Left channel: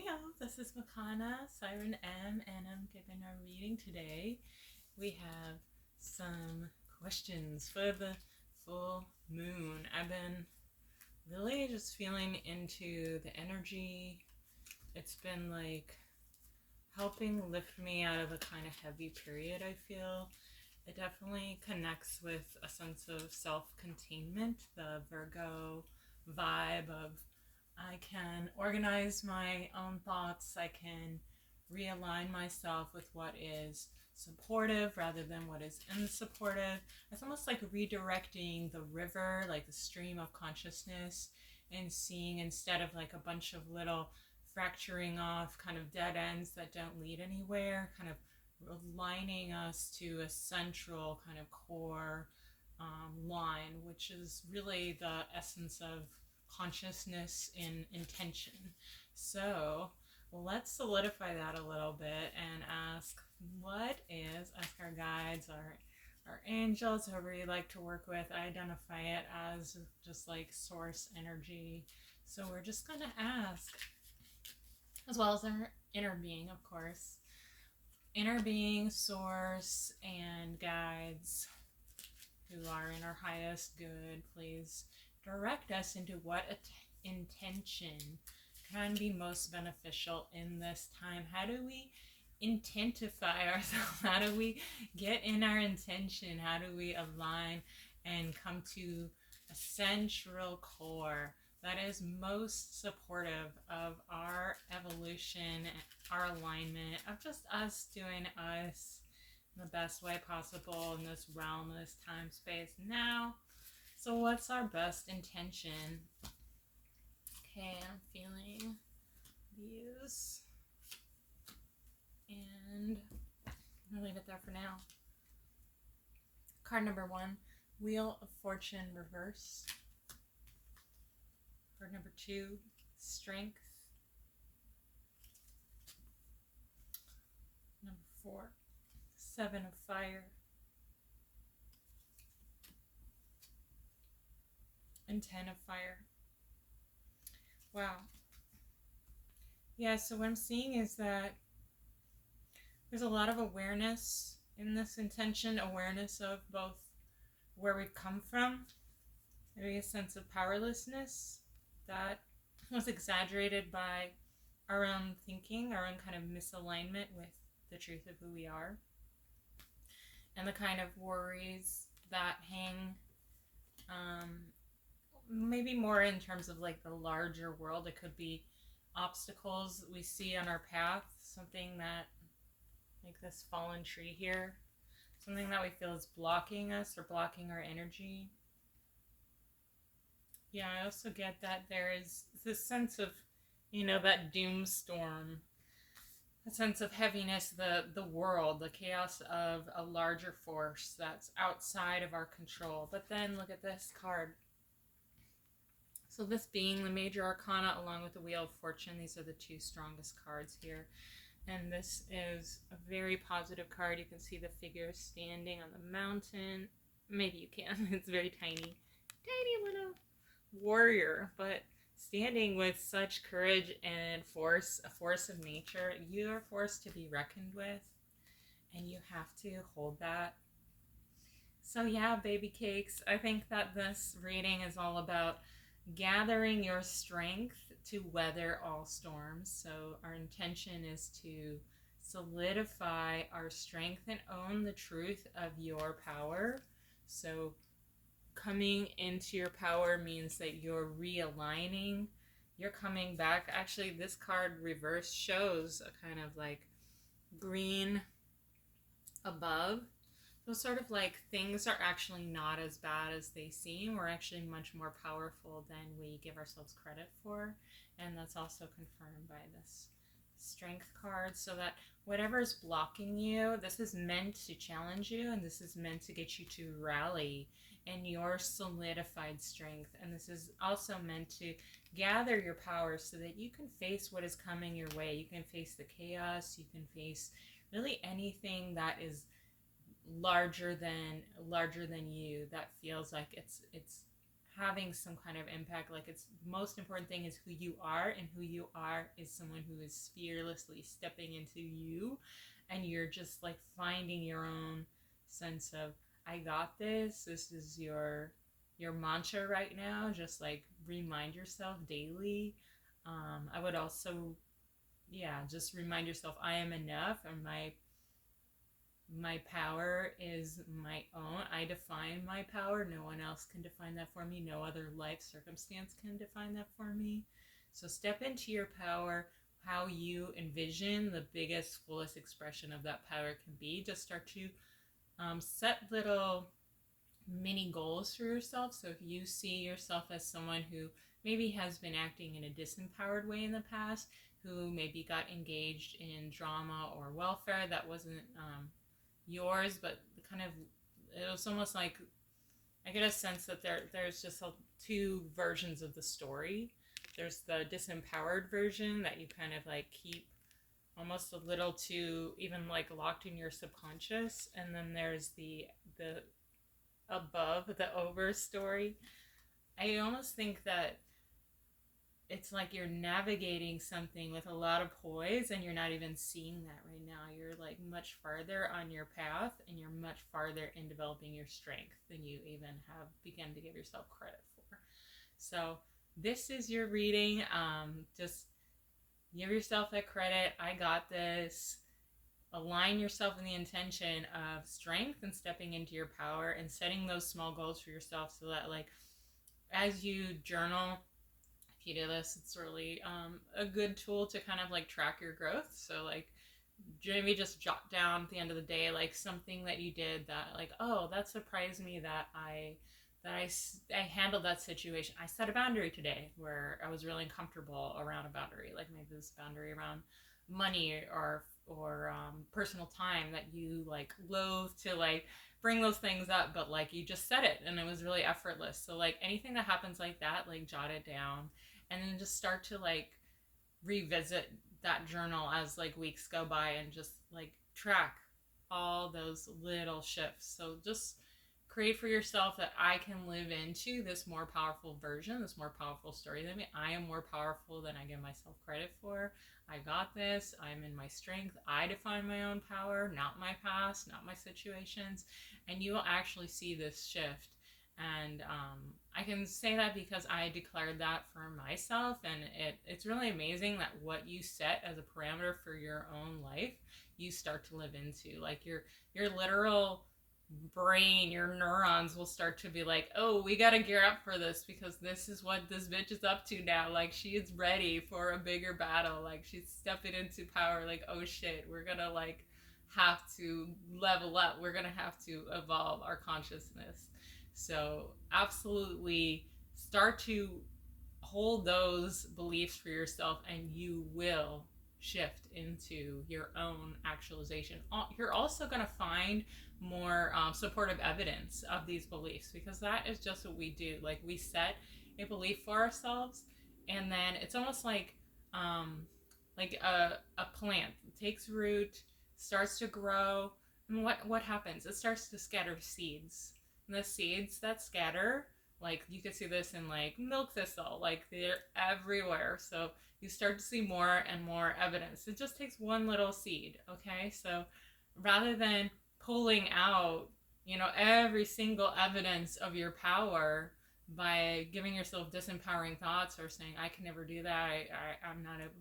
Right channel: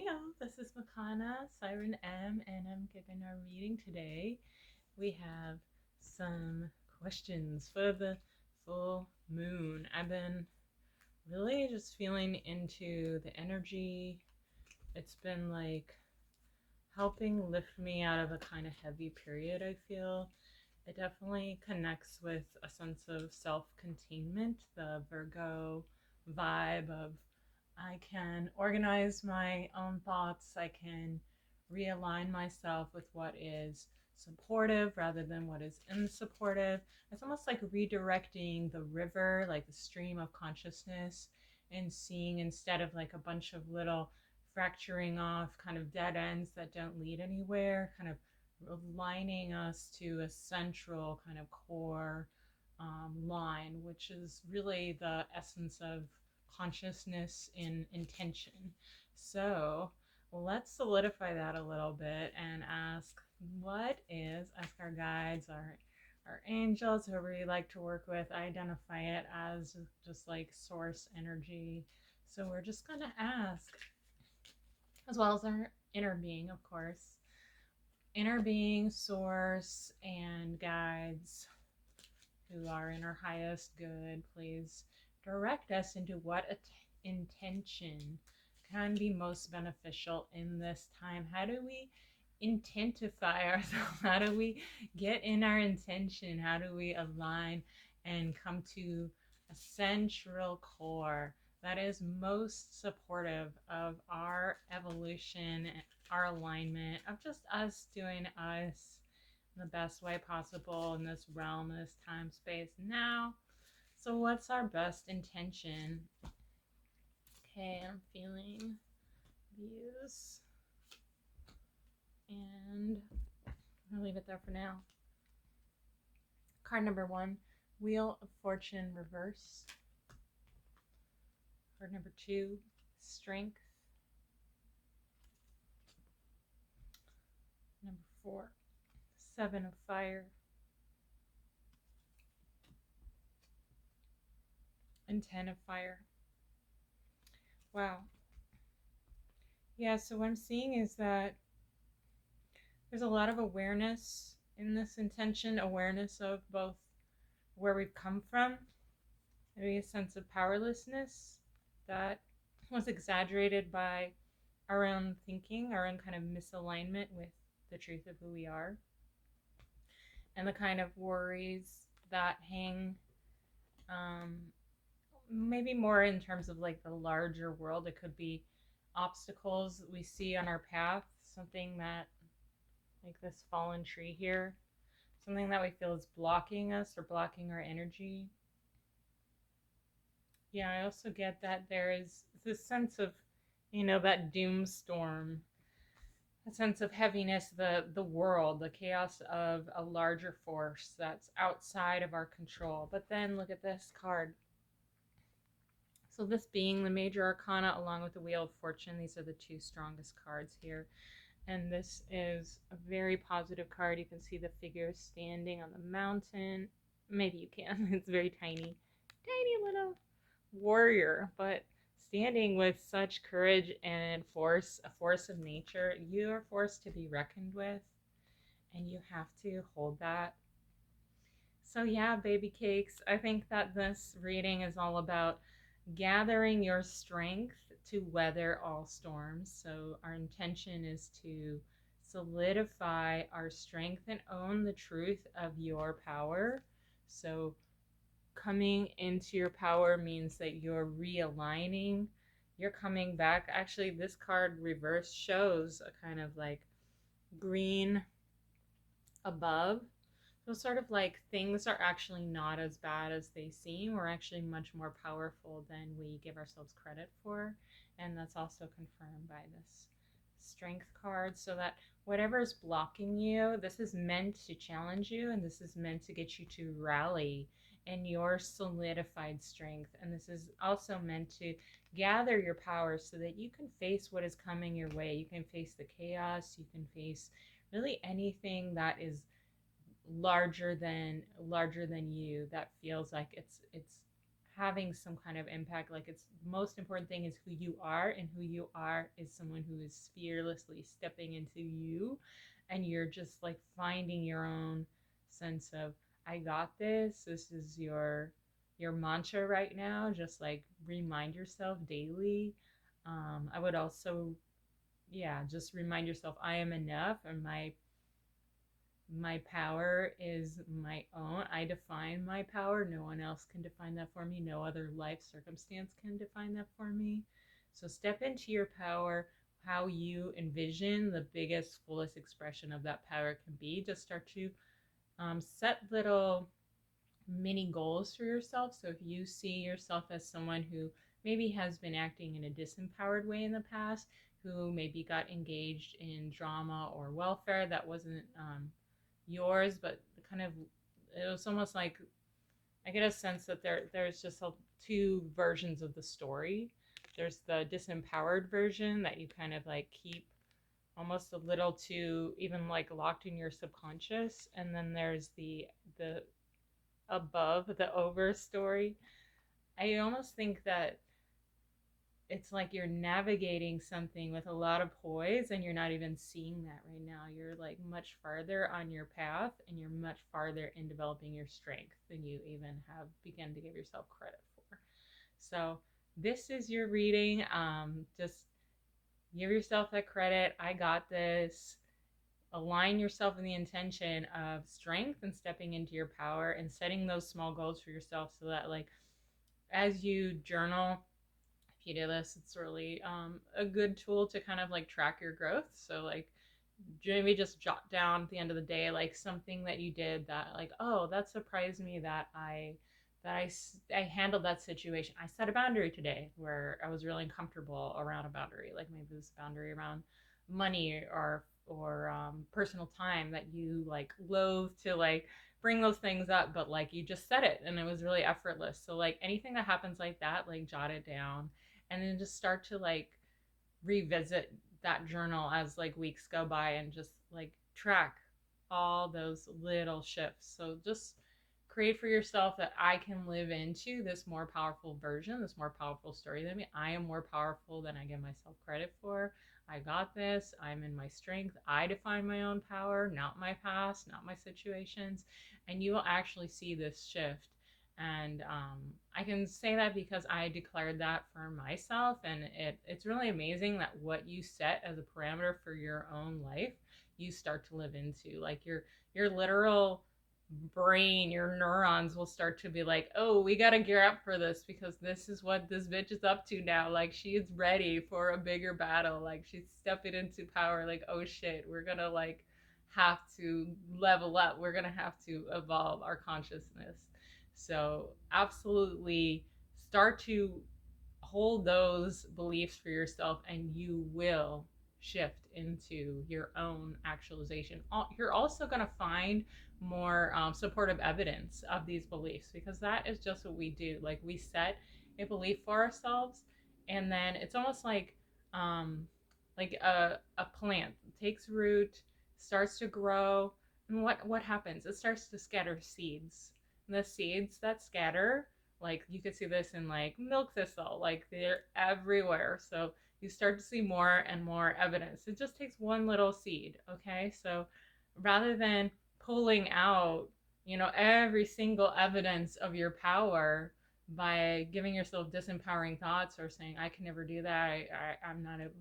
Hey y'all, this is Makana, Siren M, and I'm giving our reading today. We have some questions for the full moon. I've been really just feeling into the energy. It's been like helping lift me out of a kind of heavy period, I feel. It definitely connects with a sense of self-containment, the Virgo vibe of I can organize my own thoughts. I can realign myself with what is supportive rather than what is unsupportive. It's almost like redirecting the river, like the stream of consciousness, and seeing instead of like a bunch of little fracturing off kind of dead ends that don't lead anywhere, kind of aligning us to a central kind of core line, which is really the essence of consciousness in intention. So let's solidify that a little bit and ask our guides, our angels, whoever you like to work with, identify it as just like source energy. So we're just going to ask, as well as our inner being, of course, inner being, source, and guides who are in our highest good, please direct us into what intention can be most beneficial in this time. How do we intentify ourselves? How do we get in our intention? How do we align and come to a central core that is most supportive of our evolution, our alignment, of just us doing us in the best way possible in this realm, this time, space, now? So what's our best intention? Okay, I'm feeling these. And I'll leave it there for now. Card number 1, Wheel of Fortune reverse. Card number 2, Strength. Number 4, 7 of Fire. And 10 of Fire. Wow. Yeah, so what I'm seeing is that there's a lot of awareness in this intention, awareness of both where we've come from, maybe a sense of powerlessness that was exaggerated by our own thinking, our own kind of misalignment with the truth of who we are, and the kind of worries that hang maybe more in terms of like the larger world. It could be obstacles we see on our path, something that, like this fallen tree here, something that we feel is blocking us or blocking our energy. Yeah, I also get that there is this sense of, that doom storm, a sense of heaviness, the world, the chaos of a larger force that's outside of our control. But then look at this card. So this being the Major Arcana along with the Wheel of Fortune, these are the two strongest cards here. And this is a very positive card. You can see the figure standing on the mountain. Maybe you can. It's very tiny. Tiny little warrior, but standing with such courage and force, a force of nature. You are forced to be reckoned with, and you have to hold that. So yeah, baby cakes, I think that this reading is all about gathering your strength to weather all storms. So our intention is to solidify our strength and own the truth of your power. So coming into your power means that you're realigning, you're coming back. Actually, this card reverse shows a kind of like green above. So sort of like things are actually not as bad as they seem. We're actually much more powerful than we give ourselves credit for. And that's also confirmed by this strength card, so that whatever is blocking you, this is meant to challenge you, and this is meant to get you to rally in your solidified strength. And this is also meant to gather your power so that you can face what is coming your way. You can face the chaos, you can face really anything that is larger than you, that feels like it's having some kind of impact. Like, it's the most important thing is who you are, and who you are is someone who is fearlessly stepping into you, and you're just like finding your own sense of, I got this. This is your mantra right now. Just like remind yourself daily. I would also, yeah, just remind yourself, I am enough, and my power is my own. I define my power. No one else can define that for me. No other life circumstance can define that for me. So step into your power, how you envision the biggest, fullest expression of that power can be. Just start to set little mini goals for yourself. So if you see yourself as someone who maybe has been acting in a disempowered way in the past, who maybe got engaged in drama or welfare that wasn't yours, but kind of, it was almost like, I get a sense that there's just two versions of the story. There's the disempowered version that you kind of like keep almost a little too even like locked in your subconscious, and then there's the above, the over story. I almost think that it's like you're navigating something with a lot of poise, and you're not even seeing that right now. You're like much farther on your path, and you're much farther in developing your strength than you even have begun to give yourself credit for. So this is your reading. Just give yourself that credit. I got this. Align yourself in the intention of strength and stepping into your power, and setting those small goals for yourself, so that like as you journal, if you do this, it's really a good tool to kind of like track your growth. So like maybe just jot down at the end of the day like something that you did that like, oh, that surprised me that I handled that situation. I set a boundary today where I was really uncomfortable around a boundary, like maybe this boundary around money or personal time that you like loathe to like bring those things up, but like you just said it and it was really effortless. So like anything that happens like that, like jot it down, and then just start to like revisit that journal as like weeks go by, and just like track all those little shifts. So just create for yourself that I can live into this more powerful version, this more powerful story than me. I am more powerful than I give myself credit for. I got this. I'm in my strength. I define my own power, not my past, not my situations. And you will actually see this shift. And I can say that because I declared that for myself, and it's really amazing that what you set as a parameter for your own life, you start to live into. Like your literal brain, your neurons will start to be like, oh, we gotta gear up for this, because this is what this bitch is up to now. Like, she's ready for a bigger battle. Like, she's stepping into power. Like, oh shit, we're gonna like have to level up. We're gonna have to evolve our consciousness. So absolutely start to hold those beliefs for yourself, and you will shift into your own actualization. You're also going to find more supportive evidence of these beliefs, because that is just what we do. Like, we set a belief for ourselves, and then it's almost like a plant takes root, starts to grow, and what happens? It starts to scatter seeds. And the seeds that scatter, like you could see this in like milk thistle, like they're everywhere. So you start to see more and more evidence. It just takes one little seed, okay? So rather than pulling out, every single evidence of your power by giving yourself disempowering thoughts or saying, I can never do that, I'm not able,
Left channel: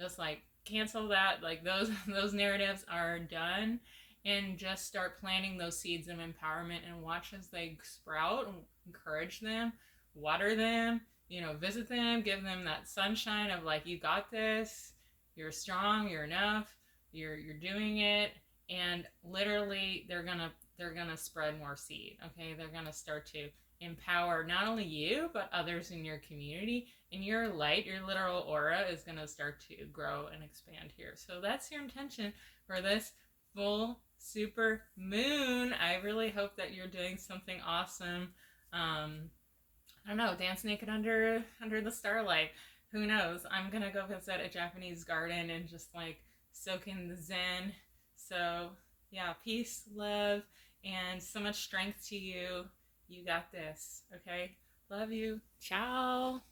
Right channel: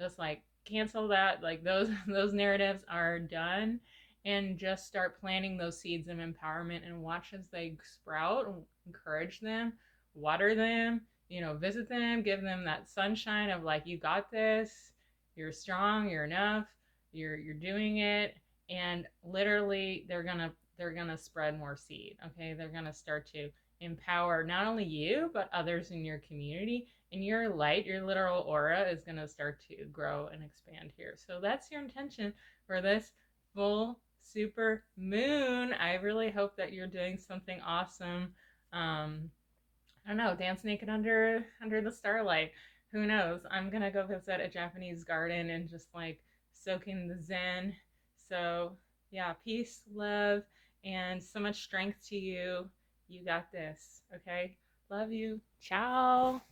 just like cancel that. Like those narratives are done, and just start planting those seeds of empowerment and watch as they sprout, and encourage them, water them, visit them, give them that sunshine of like, you got this, you're strong, you're enough, you're doing it. And literally they're gonna spread more seed. Okay, they're gonna start to empower not only you but others in your community, and your light, your literal aura, is gonna start to grow and expand here. So that's your intention for this full super moon. I really hope that you're doing something awesome. I don't know, dance naked under the starlight. Who knows? I'm gonna go visit a Japanese garden and just like soak in the zen. So yeah, peace, love, and so much strength to you. You got this, okay? Love you. Ciao.